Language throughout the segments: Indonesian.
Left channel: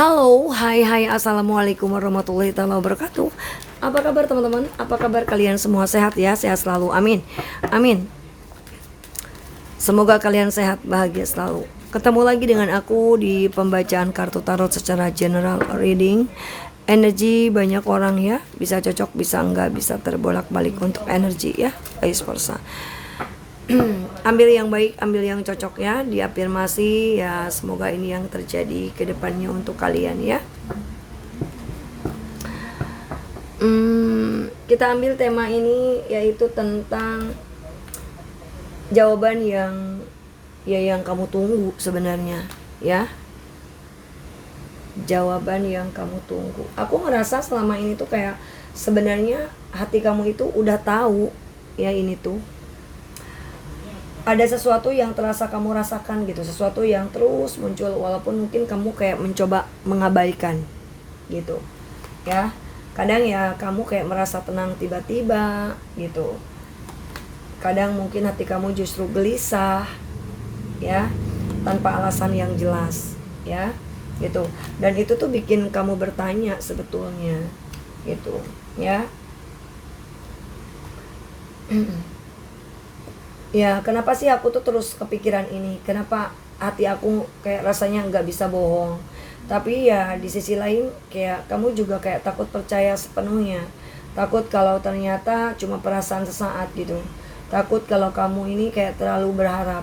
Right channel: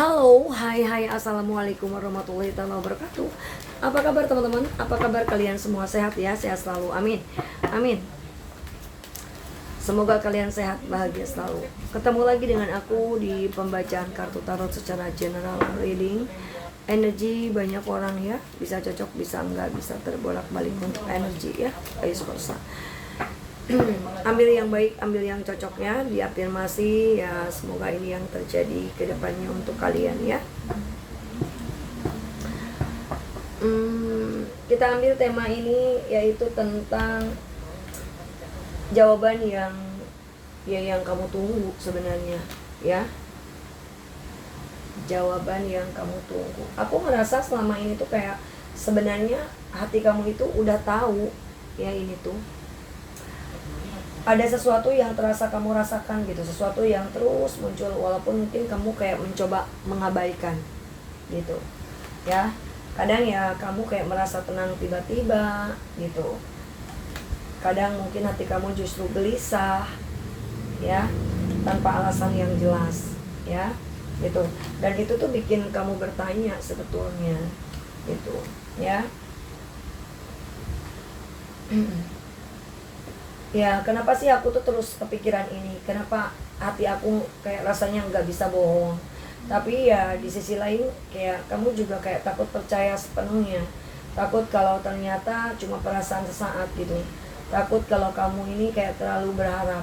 Halo, hai, assalamualaikum warahmatullahi wabarakatuh. Apa kabar teman-teman? Apa kabar kalian semua sehat ya? Sehat selalu, amin. Amin. Semoga kalian sehat, bahagia selalu. Ketemu lagi dengan aku di pembacaan kartu tarot secara general reading. Energi banyak orang ya, bisa cocok, bisa enggak, bisa terbolak-balik untuk energi ya, vice versa. Ambil yang baik, ambil yang cocok ya, diafirmasi ya, semoga ini yang terjadi ke depannya untuk kalian ya. Kita ambil tema ini yaitu tentang jawaban yang kamu tunggu sebenarnya ya. Jawaban yang kamu tunggu. Aku ngerasa selama ini tuh kayak sebenarnya hati kamu itu udah tahu ya, ini tuh ada sesuatu yang terasa kamu rasakan gitu, sesuatu yang terus muncul walaupun mungkin kamu kayak mencoba mengabaikan gitu ya. Kadang ya kamu kayak merasa tenang tiba-tiba gitu, kadang mungkin hati kamu justru gelisah ya, tanpa alasan yang jelas ya gitu. Dan itu tuh bikin kamu bertanya sebetulnya gitu ya. Ya, kenapa sih aku tuh terus kepikiran ini? Kenapa hati aku kayak rasanya nggak bisa bohong? Tapi ya di sisi lain kayak kamu juga kayak takut percaya sepenuhnya. Takut kalau ternyata cuma perasaan sesaat gitu. Takut kalau kamu ini kayak terlalu berharap.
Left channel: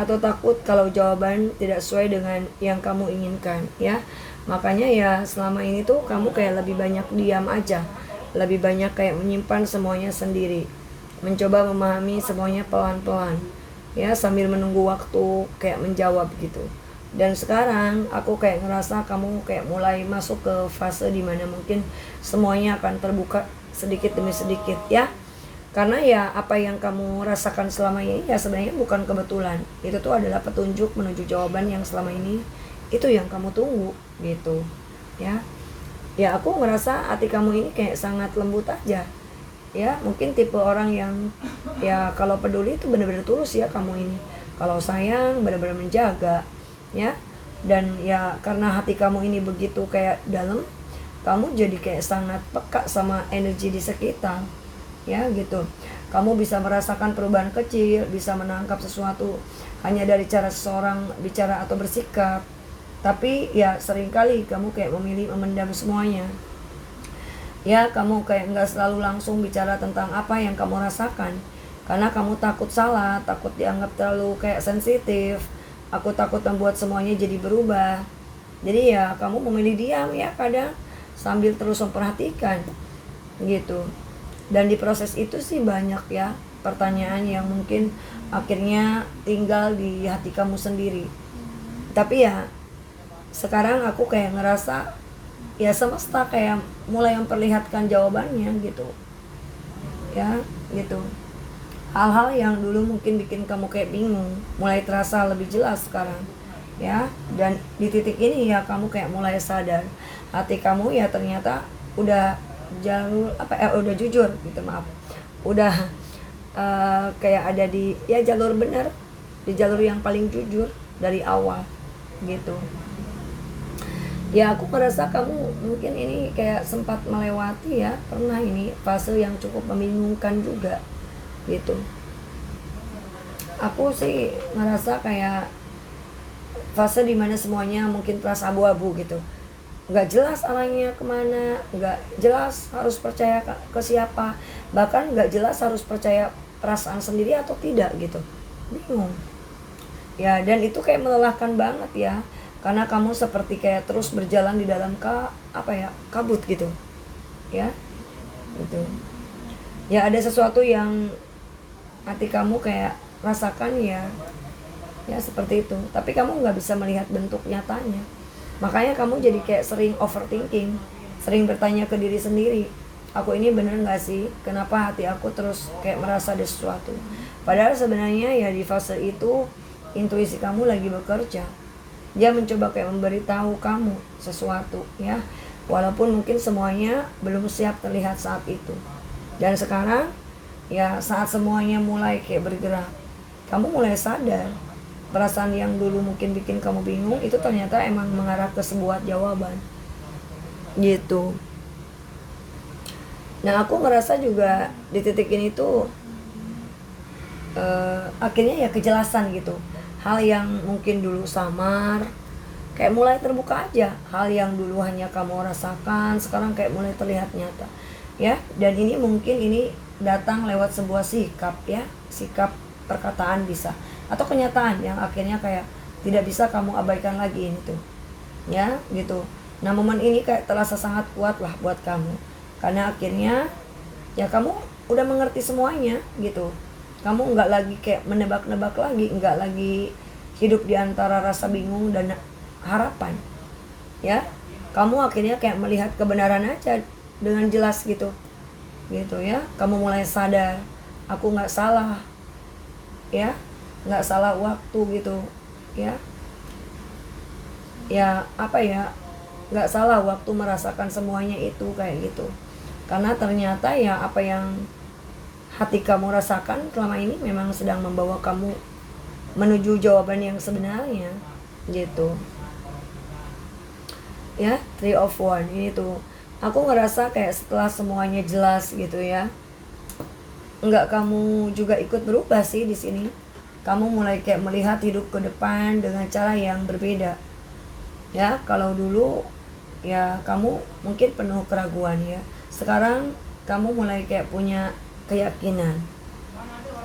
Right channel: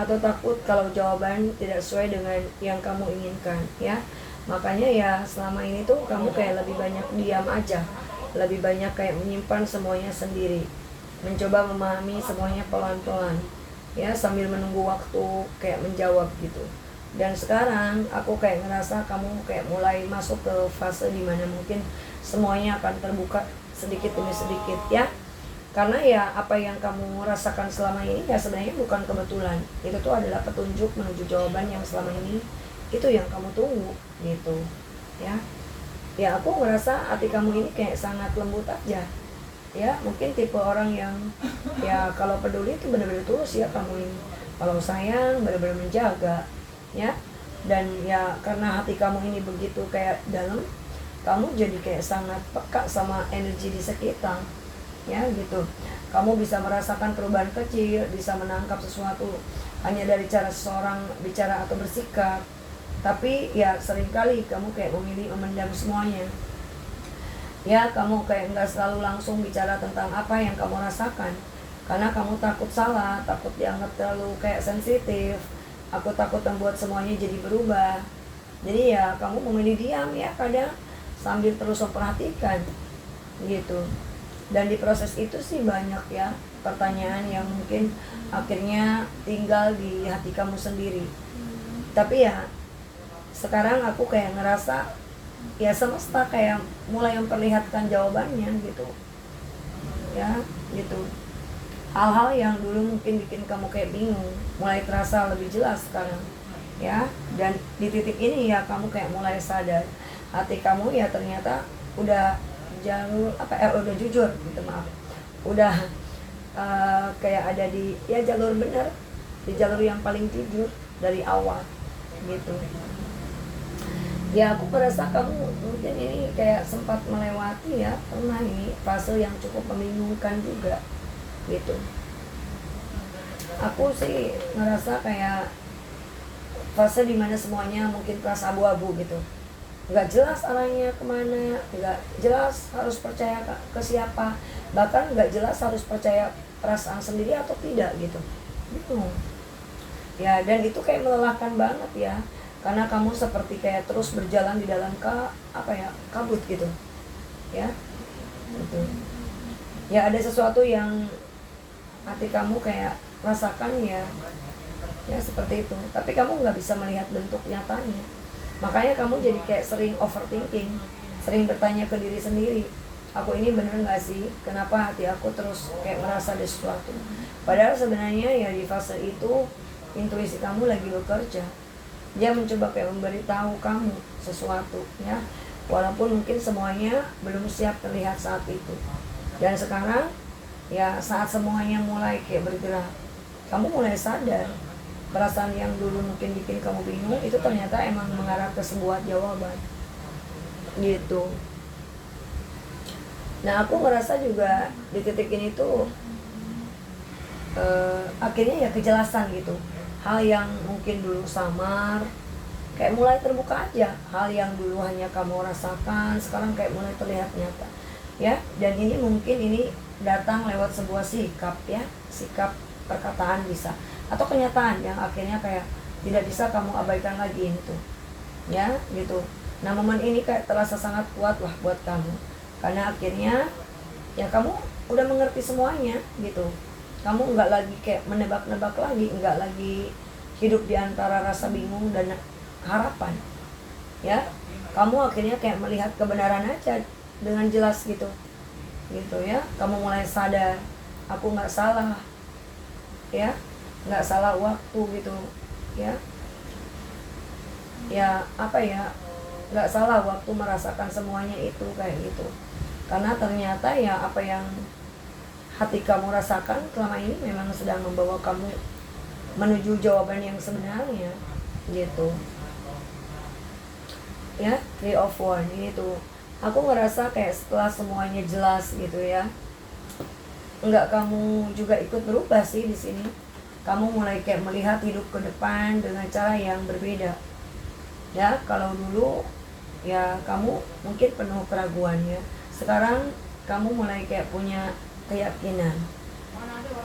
Atau takut kalau jawaban tidak sesuai dengan yang kamu inginkan ya. Makanya ya selama ini tuh kamu kayak lebih banyak diam aja. Lebih banyak kayak menyimpan semuanya sendiri, mencoba memahami semuanya pelan-pelan ya, sambil menunggu waktu kayak menjawab gitu. Dan sekarang aku kayak ngerasa kamu kayak mulai masuk ke fase dimana mungkin semuanya akan terbuka sedikit demi sedikit ya. Karena ya apa yang kamu rasakan selama ini ya sebenarnya bukan kebetulan, itu tuh adalah petunjuk menuju jawaban yang selama ini itu yang kamu tunggu gitu ya. Ya aku ngerasa hati kamu ini kayak sangat lembut aja ya. Mungkin tipe orang yang ya kalau peduli itu benar-benar tulus ya kamu ini. Kalau sayang benar-benar menjaga ya. Dan ya karena hati kamu ini begitu kayak dalam, kamu jadi kayak sangat peka sama energi di sekitar ya gitu. Kamu bisa merasakan perubahan kecil, bisa menangkap sesuatu hanya dari cara seseorang bicara atau bersikap. Tapi ya seringkali kamu kayak memilih memendam semuanya ya. Kamu kayak nggak selalu langsung bicara tentang apa yang kamu rasakan, karena kamu takut salah, takut dianggap terlalu kayak sensitif. Aku takut membuat semuanya jadi berubah. Jadi ya kamu memilih diam ya kadang, sambil terus memperhatikan gitu. Dan di proses itu sih banyak ya pertanyaan yang mungkin akhirnya tinggal di hati kamu sendiri. Tapi ya sekarang aku kayak ngerasa ya semesta kayak mulai memperlihatkan jawabannya gitu ya gitu. Hal-hal yang dulu mungkin bikin kamu kayak bingung mulai terasa lebih jelas sekarang ya. Dan di titik ini ya kamu kayak mulai sadar hati kamu ya ternyata udah udah jujur gitu, maaf, udah kayak ada di ya jalur benar, di jalur yang paling jujur dari awal gitu. Ya aku merasa kamu mungkin ini kayak sempat melewati ya, pernah ini fase yang cukup membingungkan juga gitu. Aku sih merasa kayak fase dimana semuanya mungkin terasa abu-abu gitu, nggak jelas arahnya kemana, nggak jelas harus percaya ke siapa, bahkan nggak jelas harus percaya perasaan sendiri atau tidak gitu, bingung ya. Dan itu kayak melelahkan banget ya, karena kamu seperti kayak terus berjalan di dalam kabut gitu ya gitu. Ya ada sesuatu yang hati kamu kayak rasakan ya seperti itu, tapi kamu nggak bisa melihat bentuk nyatanya. Makanya kamu jadi kayak sering overthinking, sering bertanya ke diri sendiri, aku ini bener nggak sih, kenapa hati aku terus kayak merasa ada sesuatu. Padahal sebenarnya ya di fase itu intuisi kamu lagi bekerja. Dia mencoba kayak memberitahu kamu sesuatu ya, walaupun mungkin semuanya belum siap terlihat saat itu. Dan sekarang ya saat semuanya mulai kayak bergerak, kamu mulai sadar perasaan yang dulu mungkin bikin kamu bingung itu ternyata emang mengarah ke sebuah jawaban gitu. Nah aku ngerasa juga di titik ini tuh akhirnya ya kejelasan gitu. Hal yang mungkin dulu samar kayak mulai terbuka aja. Hal yang dulu hanya kamu rasakan sekarang kayak mulai terlihat nyata ya. Dan ini mungkin ini datang lewat sebuah sikap ya, sikap perkataan bisa atau kenyataan yang akhirnya kayak tidak bisa kamu abaikan lagi ini tuh ya gitu. Nah momen ini kayak terasa sangat kuat lah buat kamu karena akhirnya ya kamu udah mengerti semuanya gitu. Kamu nggak lagi kayak menebak-nebak lagi, nggak lagi hidup di antara rasa bingung dan harapan ya. Kamu akhirnya kayak melihat kebenaran aja dengan jelas gitu ya. Kamu mulai sadar aku nggak salah ya, nggak salah waktu gitu ya apa ya, nggak salah waktu merasakan semuanya itu kayak gitu. Karena ternyata ya apa yang hati kamu rasakan selama ini memang sedang membawa kamu menuju jawaban yang sebenarnya gitu ya. 3 of Wands ini tuh aku ngerasa kayak setelah semuanya jelas gitu ya, enggak kamu juga ikut berubah sih di sini. Kamu mulai kayak melihat hidup ke depan dengan cara yang berbeda ya. Kalau dulu ya kamu mungkin penuh keraguan ya, sekarang kamu mulai kayak punya keyakinan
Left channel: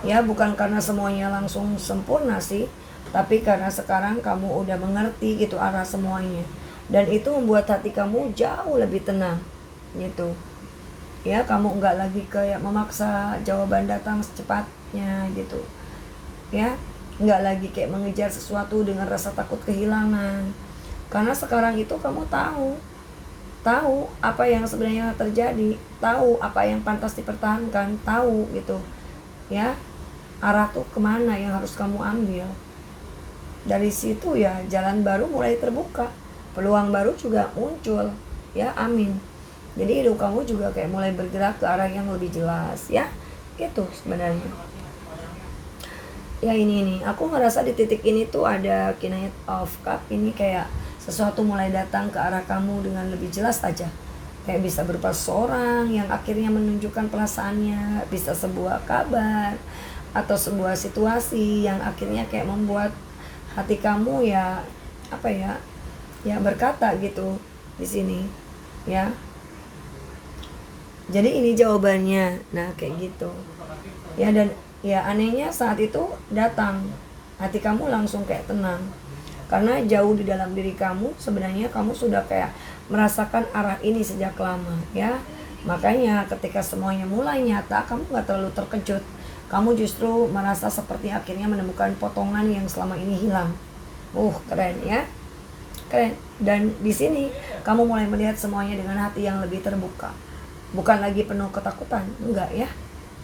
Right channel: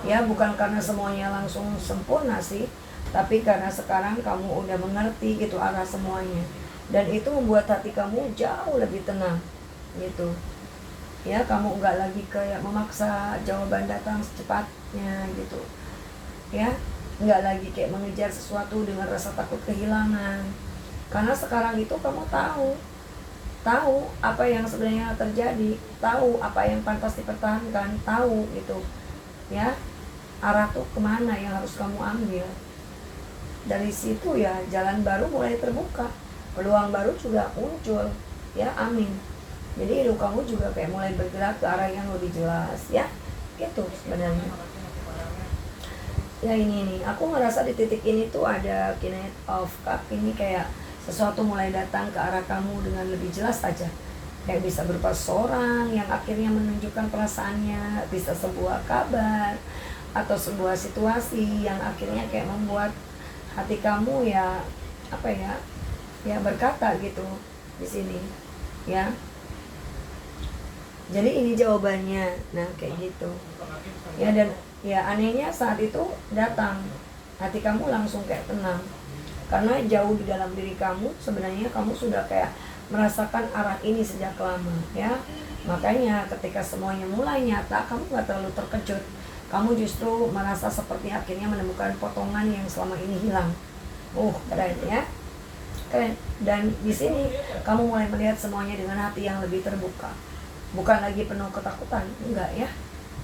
ya. Bukan karena semuanya langsung sempurna sih, tapi karena sekarang kamu udah mengerti gitu arah semuanya, dan itu membuat hati kamu jauh lebih tenang gitu ya. Kamu nggak lagi kayak memaksa jawaban datang secepatnya gitu ya, nggak lagi kayak mengejar sesuatu dengan rasa takut kehilangan. Karena sekarang itu kamu tahu apa yang sebenarnya terjadi, tahu apa yang pantas dipertahankan, tahu gitu ya arah tuh kemana yang harus kamu ambil. Dari situ ya jalan baru mulai terbuka, peluang baru juga muncul ya. Amin. Jadi hidup kamu juga kayak mulai bergerak ke arah yang lebih jelas ya gitu sebenarnya ya. Ini aku ngerasa di titik ini tuh ada Knight of Cup ini, kayak sesuatu mulai datang ke arah kamu dengan lebih jelas aja. Kayak bisa berupa seorang yang akhirnya menunjukkan perasaannya, bisa sebuah kabar atau sebuah situasi yang akhirnya kayak membuat hati kamu ya apa ya berkata gitu di sini ya. Jadi ini jawabannya. Nah kayak gitu ya. Dan ya anehnya saat itu datang, hati kamu langsung kayak tenang. Karena jauh di dalam diri kamu sebenarnya kamu sudah kayak merasakan arah ini sejak lama ya. Makanya ketika semuanya mulai nyata, kamu gak terlalu terkejut. Kamu justru merasa seperti akhirnya menemukan potongan yang selama ini hilang. Keren ya, keren. Dan di sini kamu mulai melihat semuanya dengan hati yang lebih terbuka. Bukan lagi penuh ketakutan, enggak ya,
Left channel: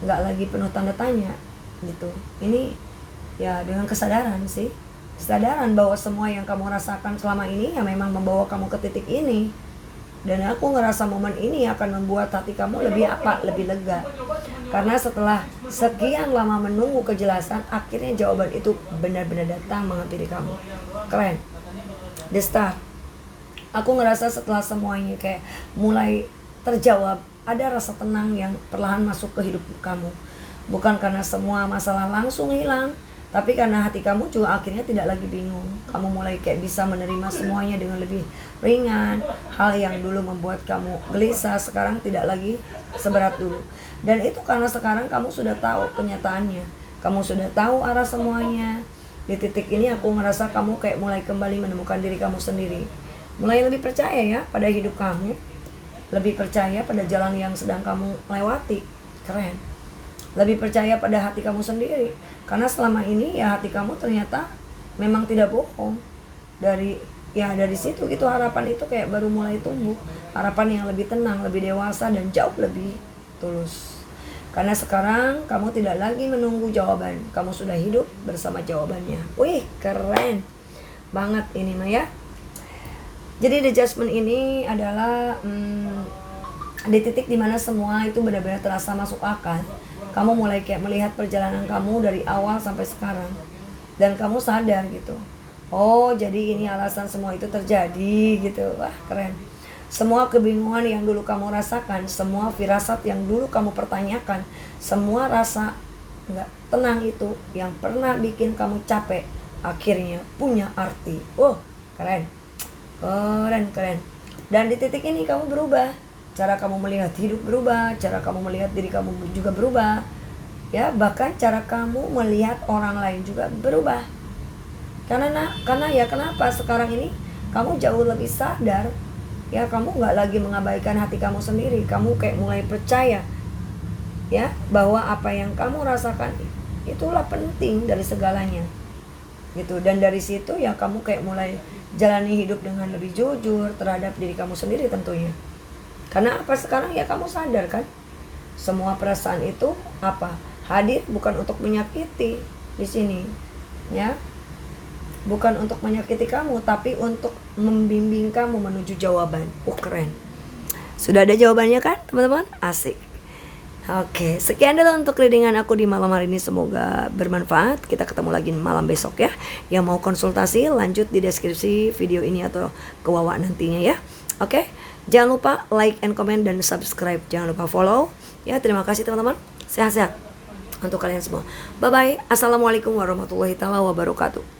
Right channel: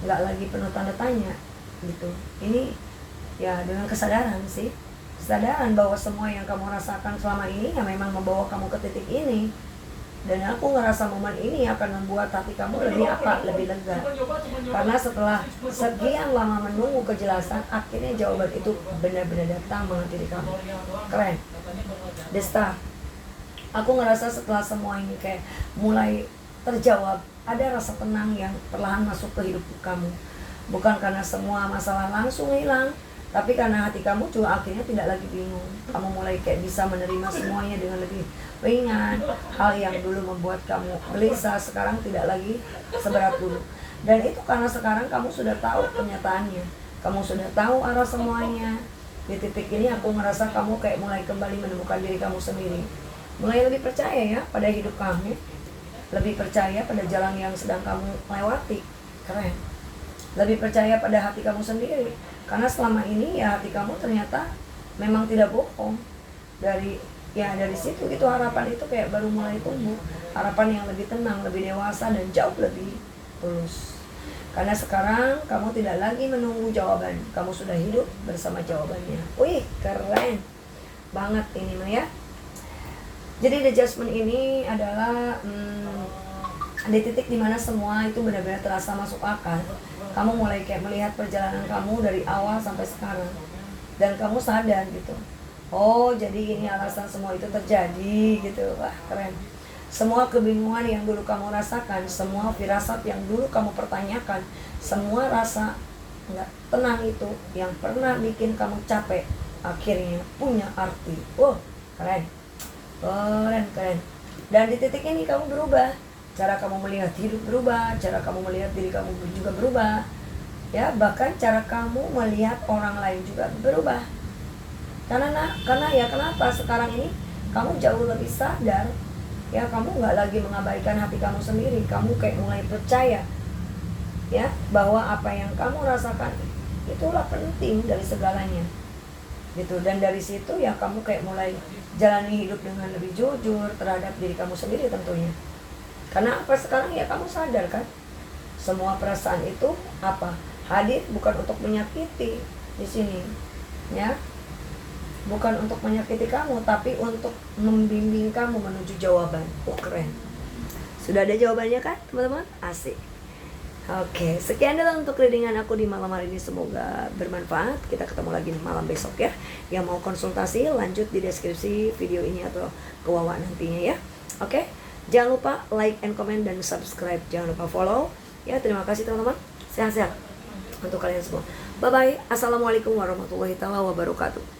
enggak lagi penuh tanda tanya gitu. Ini ya dengan kesadaran sih, kesadaran bahwa semua yang kamu rasakan selama ini ya memang membawa kamu ke titik ini. Dan aku ngerasa momen ini akan membuat hati kamu lebih lega. Karena setelah sekian lama menunggu kejelasan, akhirnya jawaban itu benar-benar datang menghampiri kamu. Keren. The Star. Aku ngerasa setelah semuanya kayak mulai terjawab, ada rasa tenang yang perlahan masuk ke hidup kamu. Bukan karena semua masalah langsung hilang, tapi karena hati kamu juga akhirnya tidak lagi bingung. Kamu mulai kayak bisa menerima semuanya dengan lebih ringan. Hal yang dulu membuat kamu gelisah sekarang tidak lagi seberat dulu. Dan itu karena sekarang kamu sudah tahu kenyataannya, kamu sudah tahu arah semuanya. Di titik ini aku merasa kamu kayak mulai kembali menemukan diri kamu sendiri. Mulai lebih percaya ya pada hidup kamu, lebih percaya pada jalan yang sedang kamu lewati. Keren. Lebih percaya pada hati kamu sendiri. Karena selama ini ya hati kamu ternyata memang tidak bohong. Dari situ itu harapan itu kayak baru mulai tumbuh. Harapan yang lebih tenang, lebih dewasa, dan jauh lebih tulus. Karena sekarang kamu tidak lagi menunggu jawaban, kamu sudah hidup bersama jawabannya. Wih, keren banget ini mah ya. Jadi the Judgment ini adalah di titik dimana semua itu benar-benar terasa masuk akal. Kamu mulai kayak melihat perjalanan kamu dari awal sampai sekarang dan kamu sadar gitu. Oh, jadi ini alasan semua itu terjadi gitu. Wah, keren. Semua kebingungan yang dulu kamu rasakan, semua firasat yang dulu kamu pertanyakan, semua rasa nggak tenang itu yang pernah bikin kamu capek, akhirnya punya arti. Oh, keren. Keren. Dan di titik ini kamu berubah. Cara kamu melihat hidup berubah, cara kamu melihat diri kamu juga berubah. Ya, bahkan cara kamu melihat orang lain juga berubah. Karena ya kenapa sekarang ini kamu jauh lebih sadar. Ya, kamu nggak lagi mengabaikan hati kamu sendiri. Kamu kayak mulai percaya ya bahwa apa yang kamu rasakan itulah penting dari segalanya gitu. Dan dari situ ya kamu kayak mulai jalani hidup dengan lebih jujur terhadap diri kamu sendiri tentunya. Karena apa, sekarang ya kamu sadar kan, semua perasaan itu apa hadir bukan untuk menyakiti di sini ya, bukan untuk menyakiti kamu, tapi untuk membimbing kamu menuju jawaban. Keren. Sudah ada jawabannya kan teman-teman? Asik. Oke, sekian dulu untuk readingan aku di malam hari ini. Semoga bermanfaat. Kita ketemu lagi malam besok ya. Yang mau konsultasi lanjut di deskripsi video ini atau ke Wawa nantinya ya. Oke, jangan lupa like and comment dan subscribe. Jangan lupa follow ya. Terima kasih teman-teman. Sehat-sehat untuk kalian semua. Bye bye. Assalamualaikum warahmatullahi wabarakatuh.